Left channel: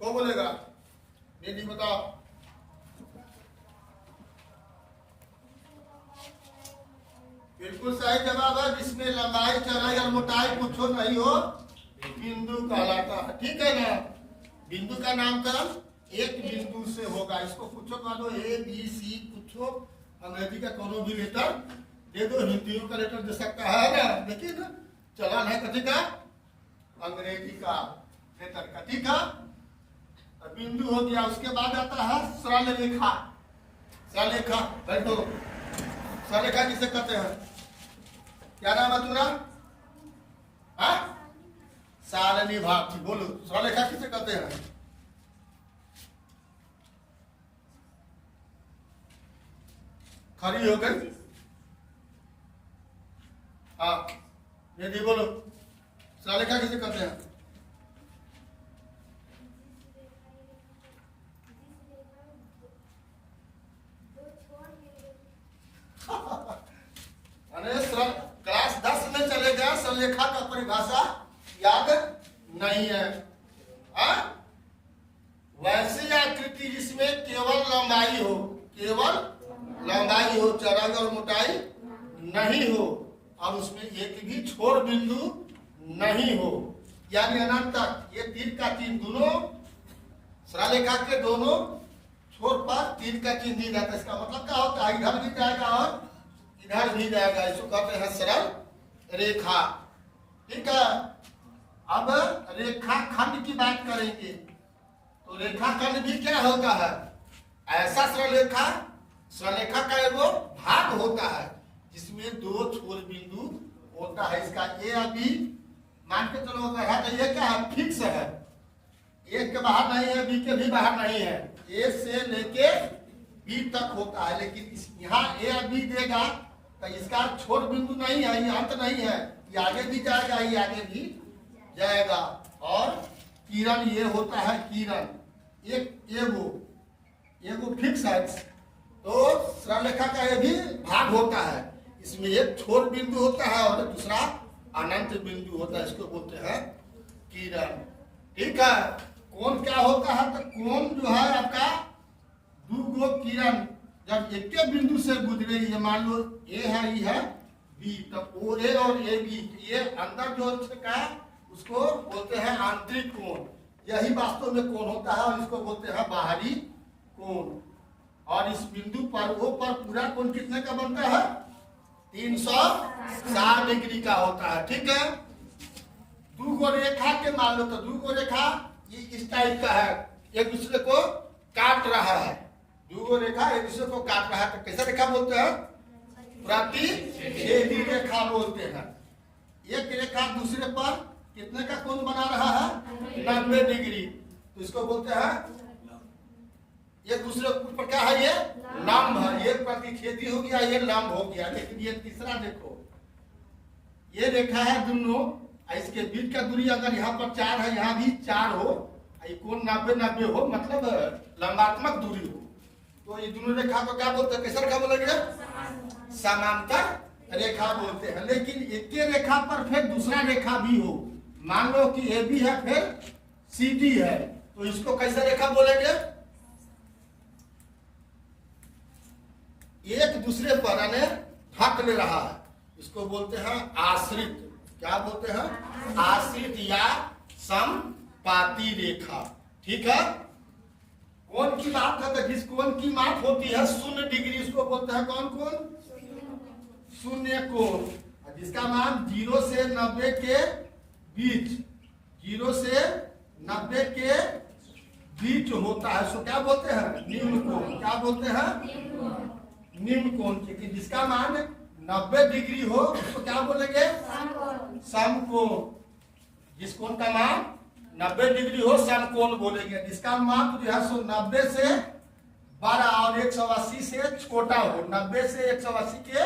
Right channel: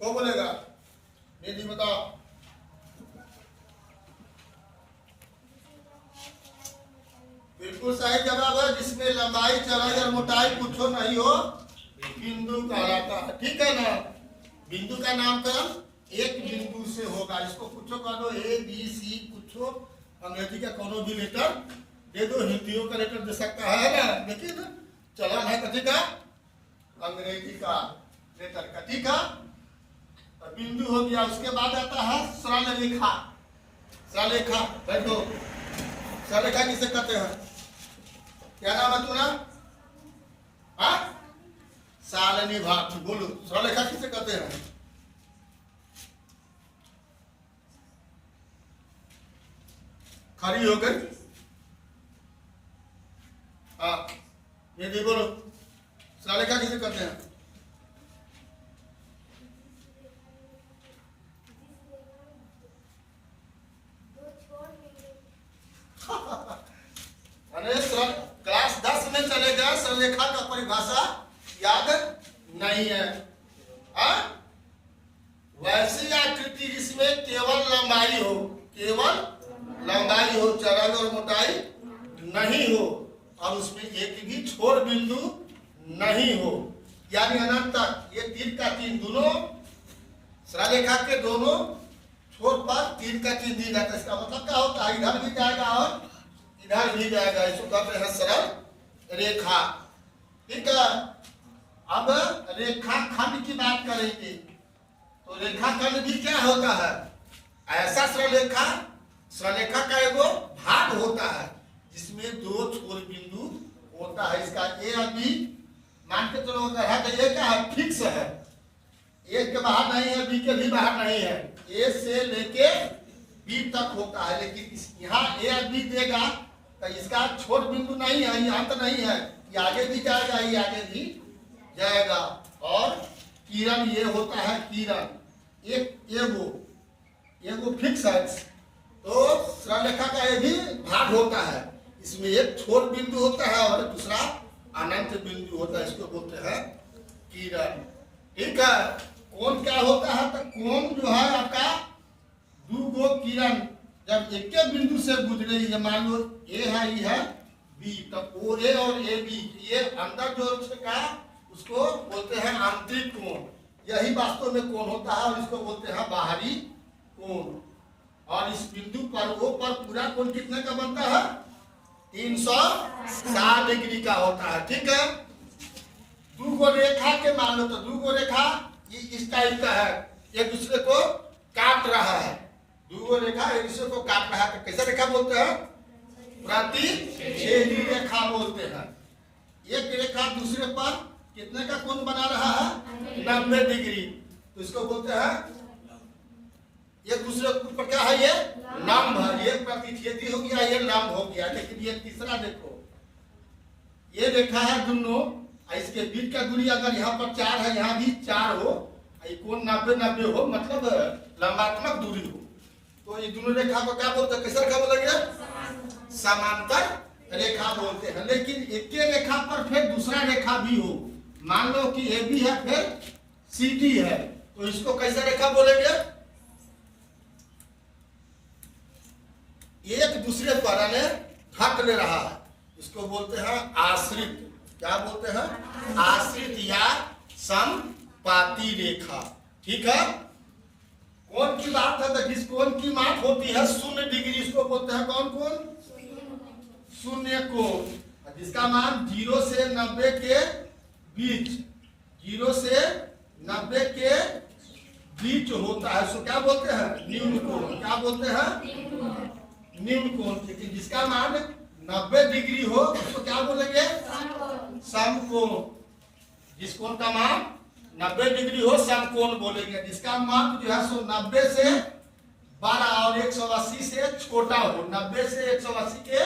कौन बोलेगा? दीदी बताओ। बिल्कुल सही जवाब है, जिसमें लंबाई चौड़ाई और मोटाई कुछ नहीं हो बिंदु कहलाता है। ठीक है ना। बिंदु का नामकरण एक बिंदु से होगा। इसको कुछ कह दो, ए बी सी कुछ, अंग्रेजी का कोनो भी लेटर दे दो, हिंदियों का लेटर दे सकता है ना। देखिए ना, चलन है कथी का? अंग्रेजी का लेटर का। ठीक है, और बिंदु हो गया। उसके बाद आता है सरल रेखा। सरल रेखा बैठो। सरल रेखा किसे कहते हैं? क्या नाम है तुम्हारा? हाँ, सारणी भाग। बोलो, सरल रेखा किसे कहते हैं? खड़ी हो गई। हाँ, ये बोलो, सरल रेखा किसे कहते हैं? अरे सर, क्लास 10 में चलेगा, सरलरेखा का परिभाषा याद नहीं है। वैसी आकृति जिसमें केवल लंबाई हो, केवल लंबाई हो, चौड़ाई और मोटाई नहीं हो, और उसमें एक भी छोर बिंदु नहीं हो, यानी अनंत तक। ये तीर का चिन्ह दोनों सरलरेखा के दोनों छोर पर तीर का चिन्ह दिया जाता है। इसका मतलब क्या होता है? इधर भी जाएगा और इधर भी जाएगा। इसको कहते हैं सरल रेखा। ठीक है, अब रेखा खंड की बात करेंगे तो रेखा खंड भी क्या होता है? ऐसा सरलरेखा का एगो भाग होता है जिसमें दो छोर बिंदु होता है। इसका ए और बी मान के चलो है, तो ये क्या है? फिक्स है। ए के बाहर नहीं है, बी के भी बाहर नहीं है। ए से लेके बी तक होता है, लेकिन यहाँ ए और बी देगा तो इसका छोर बिंदु नहीं है, ये अंत नहीं है, ये आगे भी जाएगा, ये आगे भी जाएगा। और किरण ये होता है, किरण एगो फिक्स है। तो सरलरेखा का ये भी भाग होता है। इसमें एक छोर बिंदु होता है और दूसरा अनंत बिंदु होता है। इसको बोलते हैं किरण। ठीक है, कोण क्या होता है? तो कोण जो है आपका दो गो किरण जब एक बिंदु से गुजरे, ये मान लो ए है, ये है बी, तब ओ ए और ए बी, ये अंदर जो का उसको बोलते हैं आंतरिक कोण। यही वास्तव में कोण होता है और इसको बोलते हैं बाहरी कोण। और इस बिंदु पर वो पर पूरा कोण कितने का बनता है? 360 डिग्री का होता है। ठीक है, दो गो रेखा के मान लो, तो दो गो रेखा ये इस टाइप का है, एक दूसरे को काट रहा है। दो रेखा एक दूसरे को काट रहा है, तो कैसा रेखा बोलते हैं? प्रतिच्छेदी रेखा बोलते हैं। एक रेखा दूसरे पर कितने का कोण बना रहा है? 90 डिग्री। तो इसको बोलते हैं, एक दूसरे के ऊपर क्या है? ये लंब है। ये प्रतिच्छेदी हो गया, ये लंब हो गया। लेकिन ये तीसरा देखो, ये रेखा है दोनों, इसके बीच का दूरी अगर यहाँ पर 4 है, यहाँ भी 4 हो, कोण 90-90 हो, मतलब लंबात्मक दूरी हो, तो ये दोनों रेखा को क्या बोलते हैं? कैसा रेखा बोलेंगे? समांतर रेखा बोलते हैं। लेकिन एक रेखा पर फिर दूसरा रेखा भी हो, मान लो कि ए बी है फिर सी डी है, तो इसको कैसा रेखा बोलेंगे? एक दूसरे पर ढक ले रहा है, इसको बोलते हैं आश्रित। क्या बोलते हैं? आश्रित या समपाती रेखा। ठीक है, कोण की बात है तो जिस कोण की माप होती है 0 डिग्री, इसको बोलते हैं कौन कोण? शून्य कोण। जिसका मान 0 से 90 के बीच, 0 से 90 के बीच होता है, उसको क्या बोलते हैं? निम्न कोण। क्या बोलते हैं? निम्न कोण। क्योंकि जिसका मान 90 डिग्री हो उसको क्या बोलेंगे? समकोण। जिस कोण का मान 90 डिग्री हो समकोण बोलेंगे। जिसका मान जो है सो 90 से बड़ा और 180 से छोटा हो, 90 से 180 के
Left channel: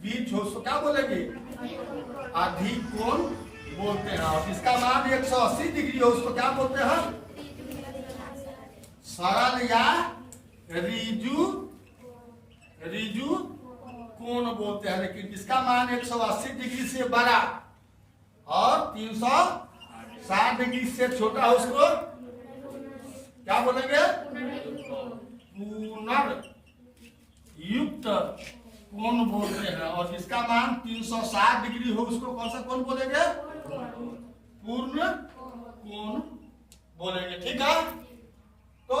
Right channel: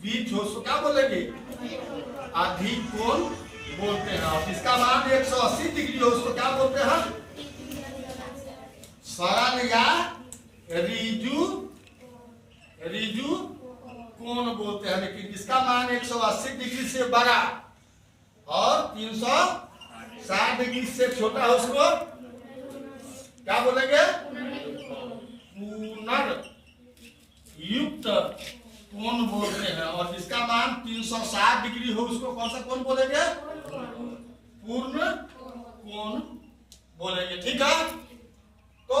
बीच हो, सो क्या बोलेंगे? अधिक कोण बोलते हैं। और जिसका मान 180 डिग्री हो उसको क्या बोलते हैं? सरल या ऋजु कोण बोलते हैं। लेकिन जिसका मान 180 डिग्री से बड़ा और 360 डिग्री से छोटा है उसको क्या बोलेंगे? पुनर्युक्त कोण बोलते हैं। और जिसका मान 360 डिग्री हो उसको कौन सा कोण बोलेंगे? पूर्ण कोण बोलेंगे। ठीक है, तो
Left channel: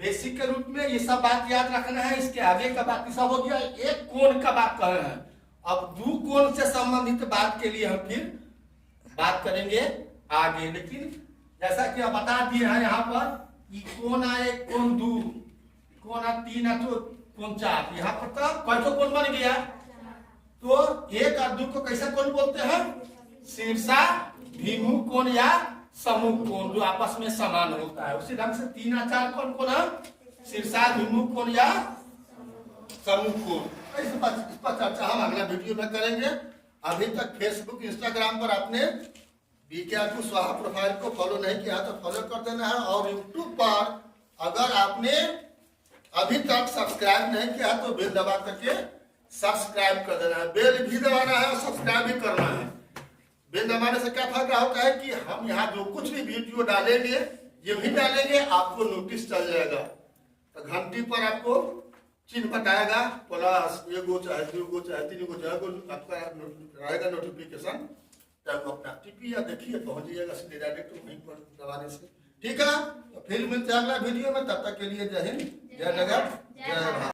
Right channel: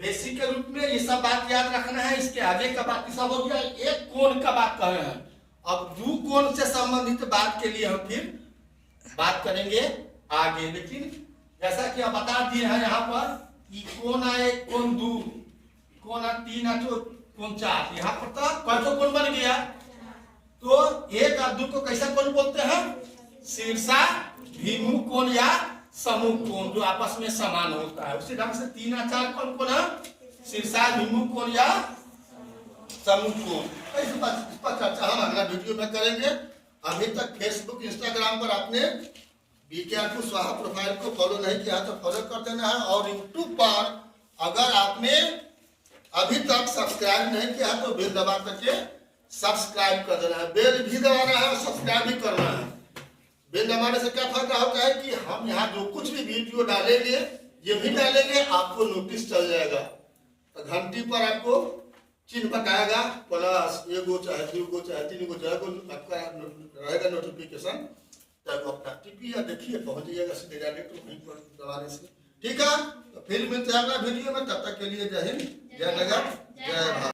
बेसिक के रूप में ये सब बात याद रखना है। इसके आगे का बाकी सब हो गया। एक कोण का बात कर रहे हैं, अब दो कोण से संबंधित बात के लिए हम फिर बात करेंगे आगे। लेकिन जैसा कि आप बता दिए हैं यहाँ पर कि कोण आए, कोण दो, कोण 3 है तो कोण 4, यहाँ पर तो कैसे कोण बन गया? तो 1 और 2 को कैसा कोण बोलते हैं? शीर्षाभिमुख कोण या समूह कोण, जो आपस में समान होता है। उसी ढंग से 3 और 4 कौन है? शीर्षाभिमुख कोण या समूह कोण। इस पर चर्चा हम अगला वीडियो में करेंगे। अभी तक फेसबुक इंस्टाग्राम पर आपने बीके कुशवाहा प्रोफाइल को फॉलो नहीं किया तो फॉलो कर देना है। और यूट्यूब पर अगर आपने अभी तक सब्सक्राइब नहीं किया तो बेल दबा करके सब्सक्राइब कर देना है। बेल भी दबाना है और सब्सक्राइब भी करना है। बेल दबाने से क्या फायदा होता है कि हम यहाँ जो कुछ भी वीडियो डालेंगे ये भी डालेंगे, आपको नोटिस चल जाएगा। तो घंटी पर आपको चिन्ह बताएगा, प्लस 1 गो चाहे 2 गो चाहे 3 गो चाहे आपका रहेगा नोटिफिकेशन। तब अपना टिपिया देखिए, पहुंच जाइएगा सीधे डायरेक्ट वहीं पर दबाने से। ठीक है, तो फिर मिलते हैं अगला वीडियो में। तब तक के लिए जय हिंद, जय जगत, जय भारत।